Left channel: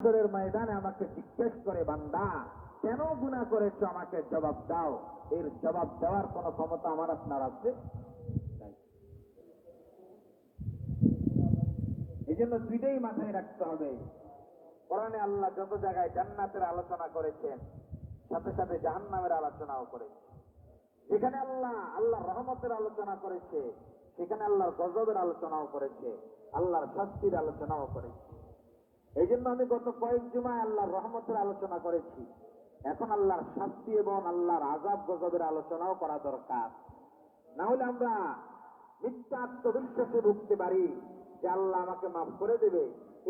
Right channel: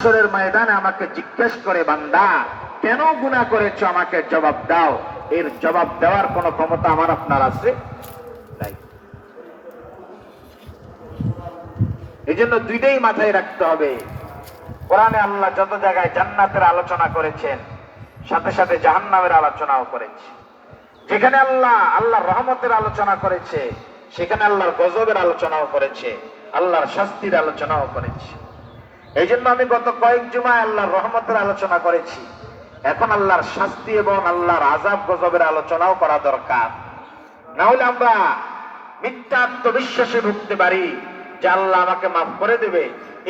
হাসরের ময়দানে আমাকে জিজ্ঞেস করে, বান্দা কেন গুনাহ করেছো, আমাকে জবাব দাও। এর জবাব দেওয়ার কোন ক্ষমতা আমার আপনার আছে? নাই। এজন্য দুইটাই মাথায় রাখতে হবে। কোরআনে আল্লাহ যত জায়গায় জান্নাতের আলোচনা করেছেন, সাথে সাথে জাহান্নামের আলোচনাও করেছে। যেখানে আল্লাহর রহমতের আলোচনা করেছে, সেখানে আল্লাহর গজবের আলোচনাও করেছে, আল্লাহর শাস্তির আলোচনাও করেছে। এই জন্য আমি গত কয়েক জুমায় আল্লাহর রহমতের আলোচনা করেছি। এখন আল্লাহর শাস্তি এবং আল্লাহর আযাব গজবের আলোচনাও করা দরকার। না হলে আমরা মিথ্যা আত্মবিশ্বাসে ভুগতে পারি যে আল্লাহ আমাকে মাফ করে দেবে,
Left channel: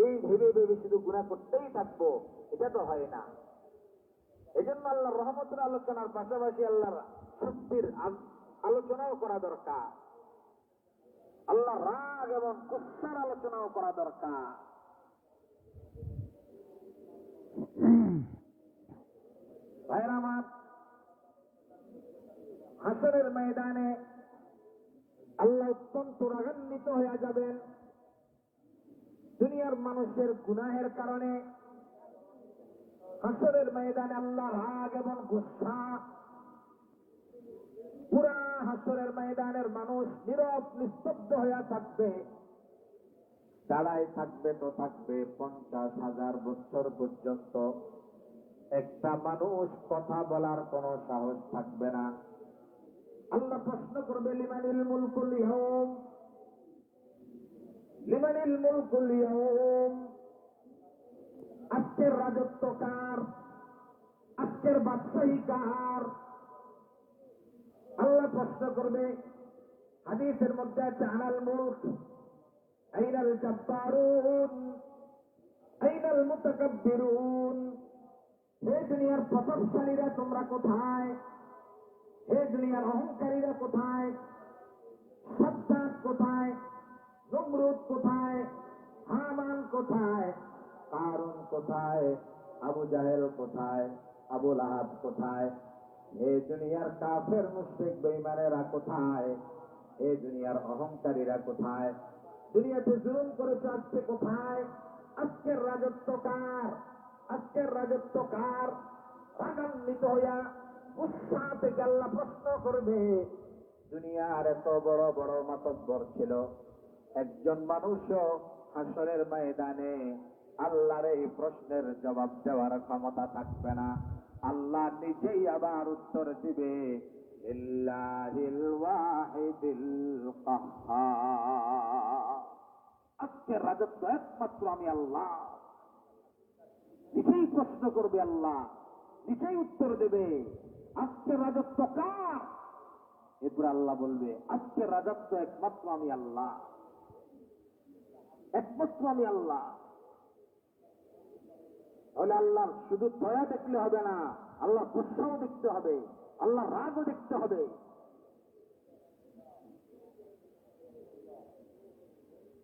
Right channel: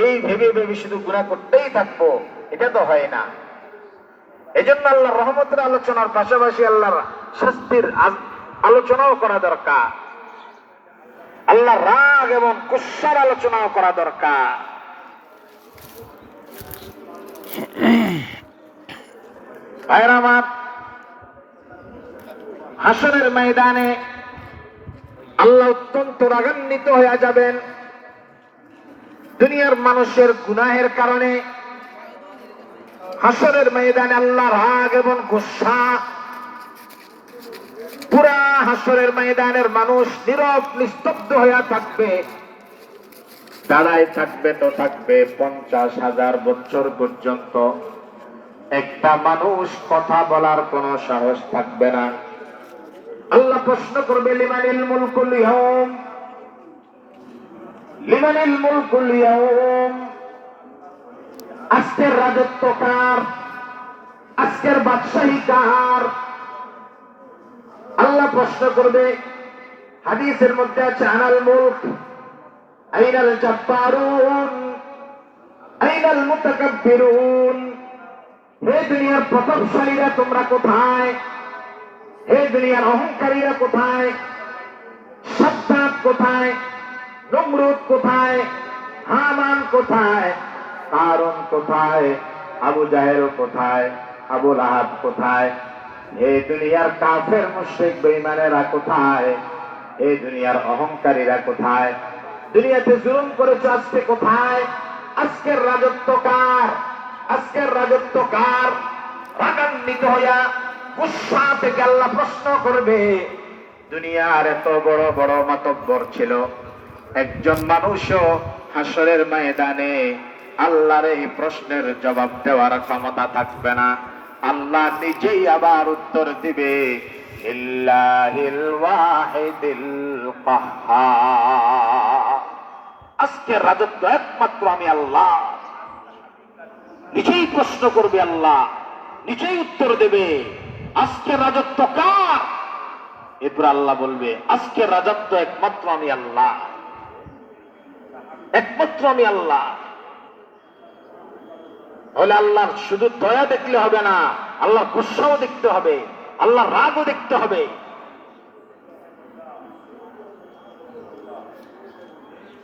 এই ভেবে ভেবে শুধু গুনাহ করতেই থাকবো। এটা তো হয় না। এই জন্য আল্লাহর রহমতের আলোচনার পাশাপাশি আল্লাহর শাস্তির আলোচনাও করা দরকার। আল্লাহর রাগ এবং গুসার আলোচনাও করা দরকার। ভাইরা আমার, হাসরের ময়দানে আল্লাহ অত্যন্ত রাগান্বিত হয়ে যাবেন। দুনিয়ার মানুষের গুনাহের কারণে হাসরের ময়দানে আল্লাহর রাগ এবং গুসা। পুরা হাসরের ময়দানের মানুষ নীরব নিস্তব্ধ হয়ে থাকবে, দাঁড়ায় থাকবে তো থাকবে 50,000 বছর পর্যন্ত। একটা মানুষ কথা বলার কোন সাহস থাকবে না। আল্লাহ প্রশ্ন করবে, লিমানিল মুলকুল ইয়াউম, লিমানিল মুলকুল ইয়াউম, আজকের রাজত্ব কার, আজকের বাদশাহী কার? আল্লাহ প্রশ্ন করবে। হাদিসের মধ্যে আছে, আনাল মুলক আইনাল জাব্বারুন আইনাল মুতাকাব্বিরুন। হে দুনিয়ার প্রতাপশালীরা তোমরা কোথায়? হে দুনিয়ার অহংকারীরা কোথায়? সাদ্দাত কোথায়? নমরুদ কোথায়? হামান কোথায়? কারুন কোথায়? আবু জাহেল কোথায়? আবু লাহাব কোথায়? হে দুনিয়ার কাফের মুশরিক বেঈমানেরা কোথায়? হে দুনিয়ার অহংকারীরা কোথায়? দুনিয়াতে জুলুম করেছো, আজকে কোথায়? আজকের রাজত্ব কার? আজকের রাজত্ব কার? রাগান্বিত হইয়া গুসা থেকে আল্লাহ প্রশ্ন করবে। দুনিয়ার এত বড় বড় মাতব্বর ছিল, একজন মানুষও হাসরের ময়দানে আল্লাহর এই প্রশ্নের জবাব দেওয়ার ক্ষমতা থাকবে না। আল্লাহ নিজেই আবার উত্তর দিবে, ইল্লাহিল ওয়াহিদিল কাহ্হার। আজকের রাজত্ব একমাত্র আমি আল্লাহ। নিজেই প্রশ্ন করবে আল্লাহ, নিজেই উত্তর দেবে, আজকের রাজত্ব কার? এরপর আল্লাহ বলবে, আজকের রাজত্ব একমাত্র আমি আল্লাহ, একমাত্র আমি আল্লাহ। তাহলে আল্লাহর শুধু দয়া দেখলে হবে না, আল্লাহর গুসাও দেখতে হবে, আল্লাহর রাগও দেখতে হবে।